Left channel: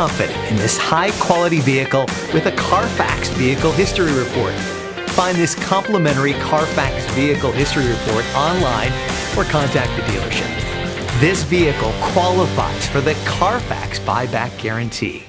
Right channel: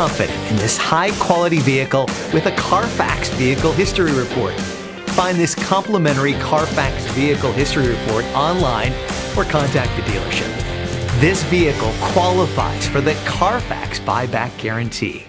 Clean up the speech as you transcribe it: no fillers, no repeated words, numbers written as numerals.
confident in this high-quality vehicle with a CARFAX Vehicle History Report. Find this complimentary CARFAX Vehicle History Report online or contact the dealership. This vehicle qualifies for the CARFAX buyback guarantee.